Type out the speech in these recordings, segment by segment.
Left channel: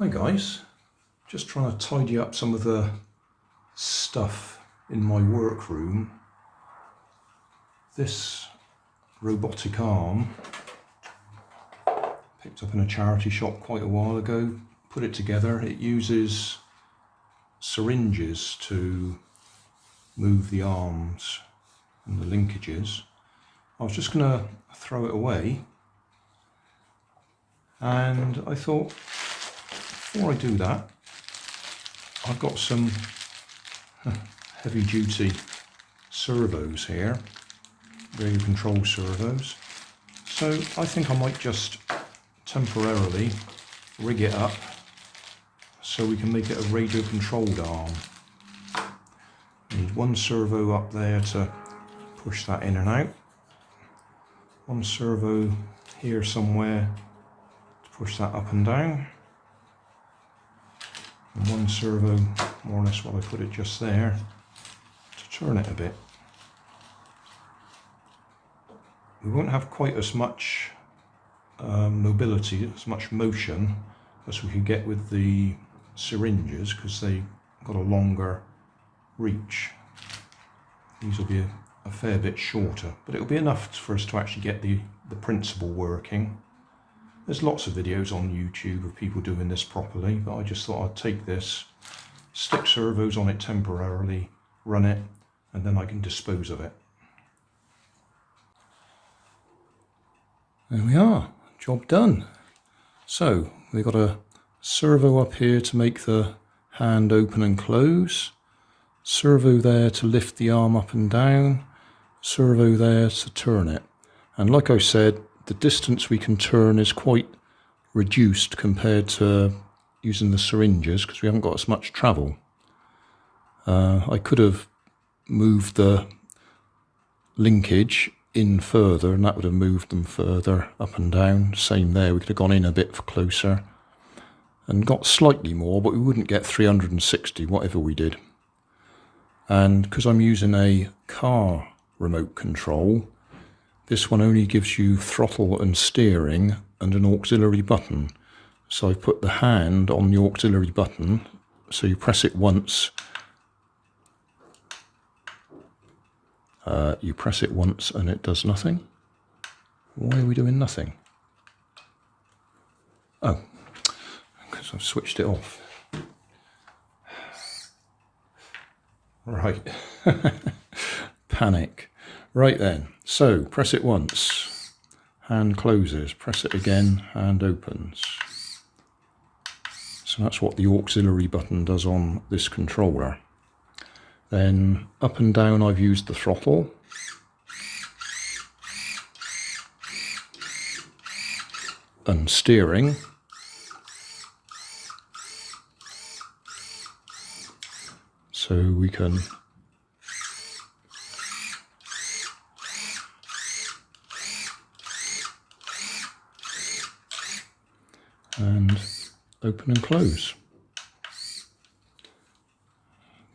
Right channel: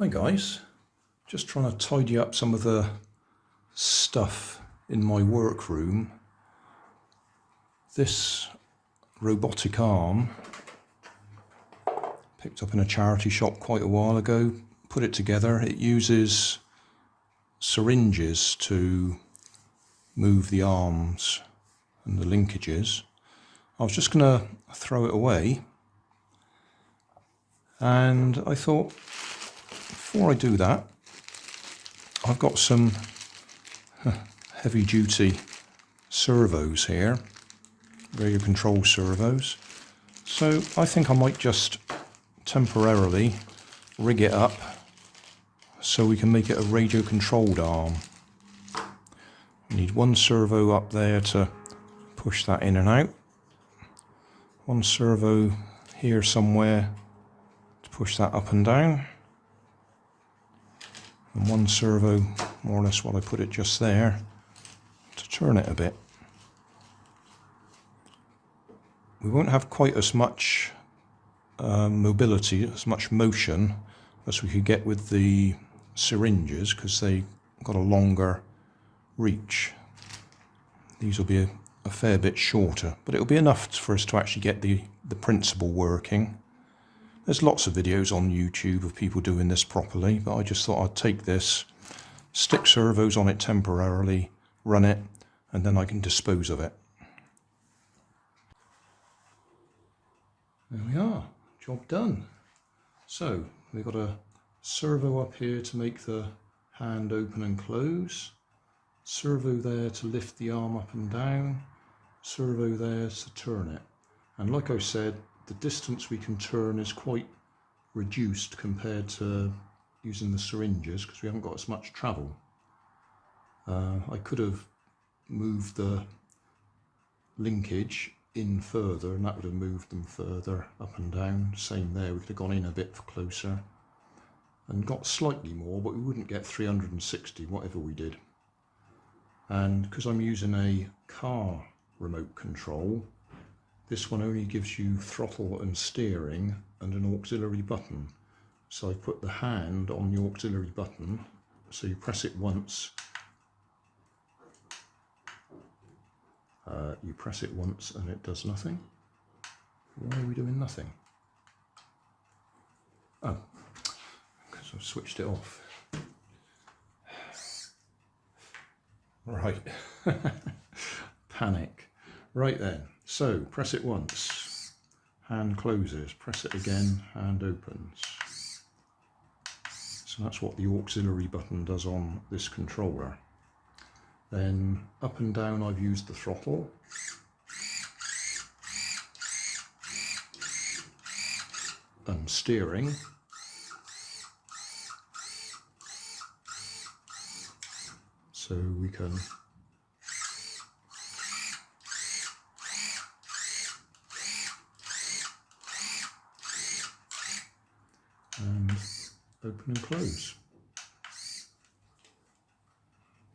Hi guys, just trying to tidy up some of the stuff in my workroom. This robotic arm, picked up in a charity shop quite a while ago, put it together. It uses syringes to move the arms and the linkages. I was just going to throw it away, and I thought, before I do that, I've got some heavy-duty servos here, radio control servos. So I think I might just temporarily rig it up so we can make it a radio-controlled arm. I need one servo up there to push that in and out, one servo here somewhere to push that up and down, and one servo, more or less what I put it just there, to turn it a bit. We won't have quite as much mobility, as much motion as we could get with the syringes, because they've got a longer reach. These will be a fair bit shorter, but it'll be enough for us to actually get the principle working. There's lots of videos on YouTube of people doing this properly, but I just thought I'd take this, stick servos on it temporarily, run it, and then I can dispose of it. There we are, job done. So we've got a servo up here to make the hand open and close, servo there to lift the arm up and down, servo there to turn it. And like I said, the distance we can turn is quite reduced compared to using the syringes, because we haven't got as much travel. I could have moved the linkage in further, and that would have moved them further up and down. Same there, we could have gone in a bit closer and got slightly more, but we wouldn't get 360 whatever we did. And because I'm using a car remote control, this one only gives you throttle and steering and an auxiliary button. So I've put the hand on the auxiliary button, so you press it once. You press it once and it does nothing. Why are we doing nothing? Oh, because I've switched it off. Right. Panic. Right then, so press it once, hand closes, press it again, hand opens. So that's what the auxiliary button does on this controller. Then up and down I've used the throttle. And steering. So we can and open and close.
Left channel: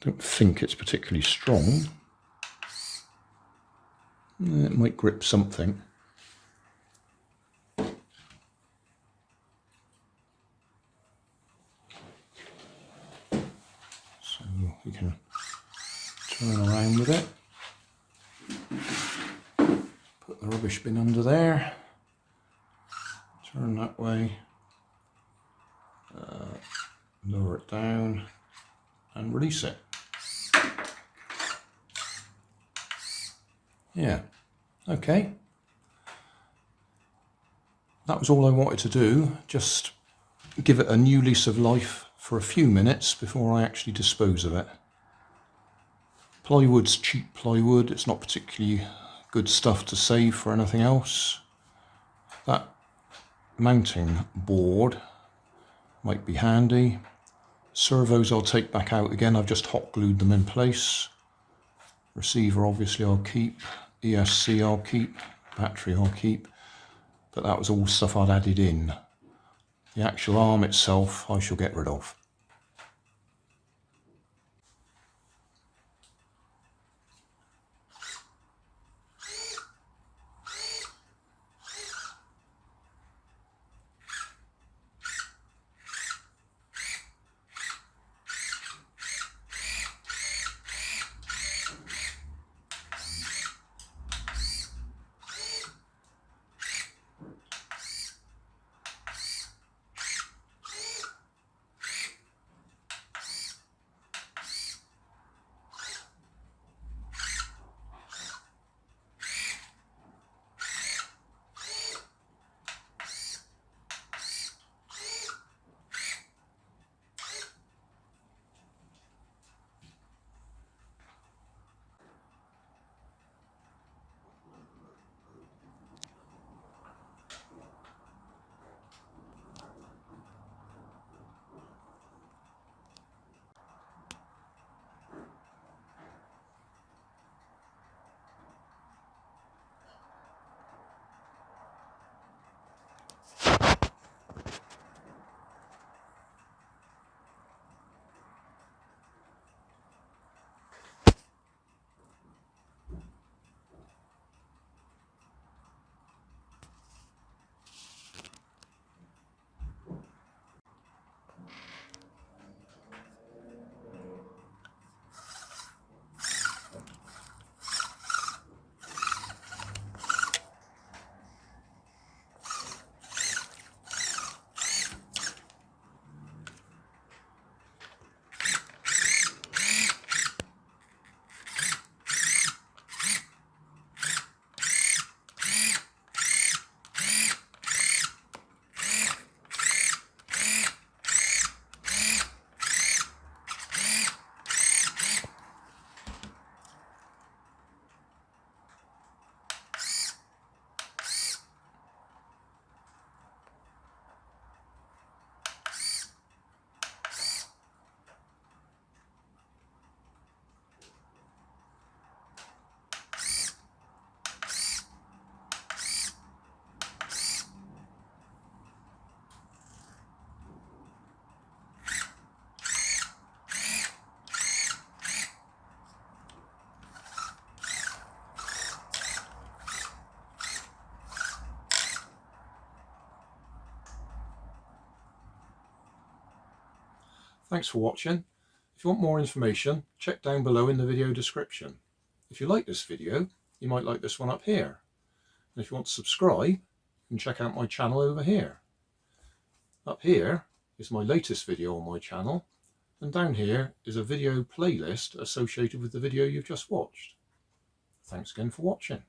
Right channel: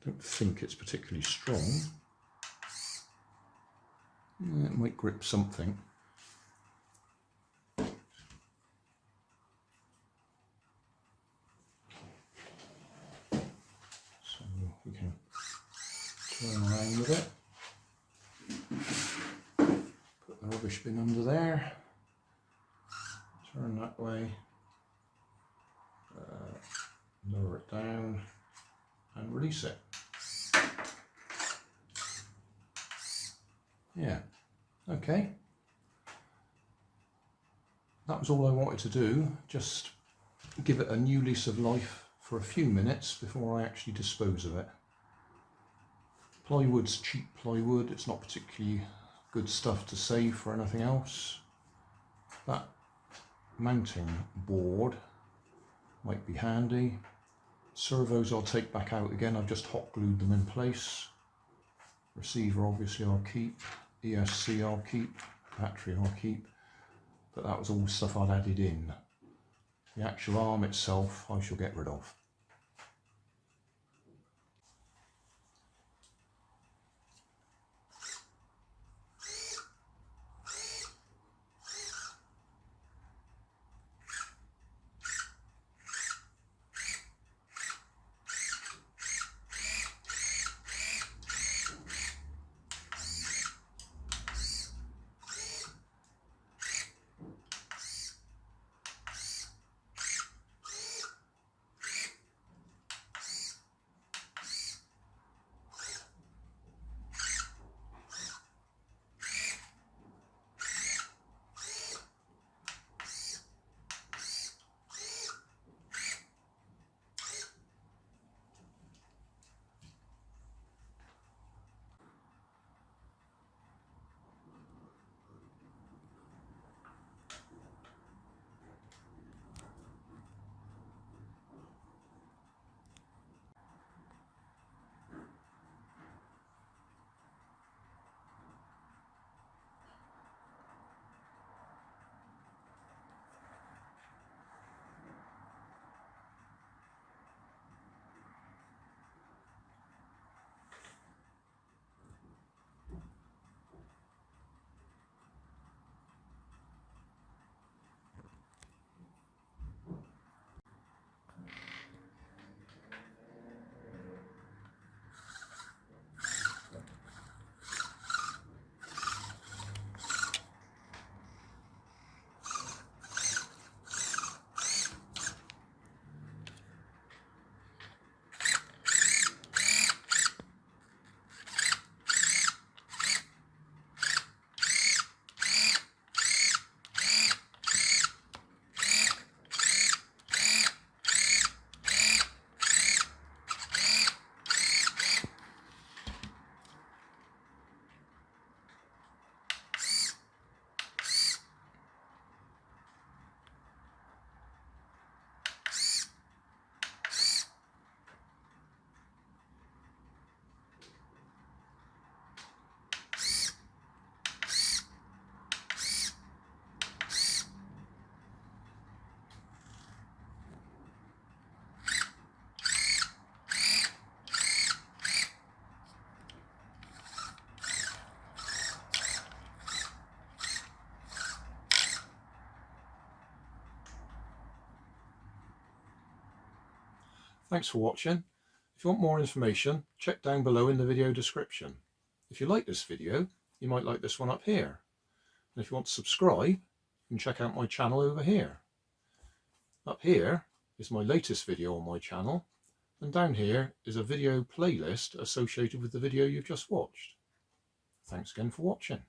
Don't think it's particularly strong. It might grip something. So we can turn around with it. Put the rubbish bin under there. Turn that way. Lower it down and release it. Yeah, okay. That was all I wanted to do, just give it a new lease of life for a few minutes before I actually dispose of it. Plywood's cheap plywood, it's not particularly good stuff to save for anything else. That mounting board might be handy. Servos I'll take back out again, I've just hot glued them in place. Receiver obviously I'll keep, ESC I'll keep, battery I'll keep, but that was all stuff I'd added in. The actual arm itself I shall get rid of. Thanks for watching. If you want more information, check down below in the video description. If you like this video, you might like this one up here. And if you want to subscribe, you can check out my channel over here. Up here is my latest video on my channel, and down here is a video playlist associated with the video you've just watched. Thanks again for watching.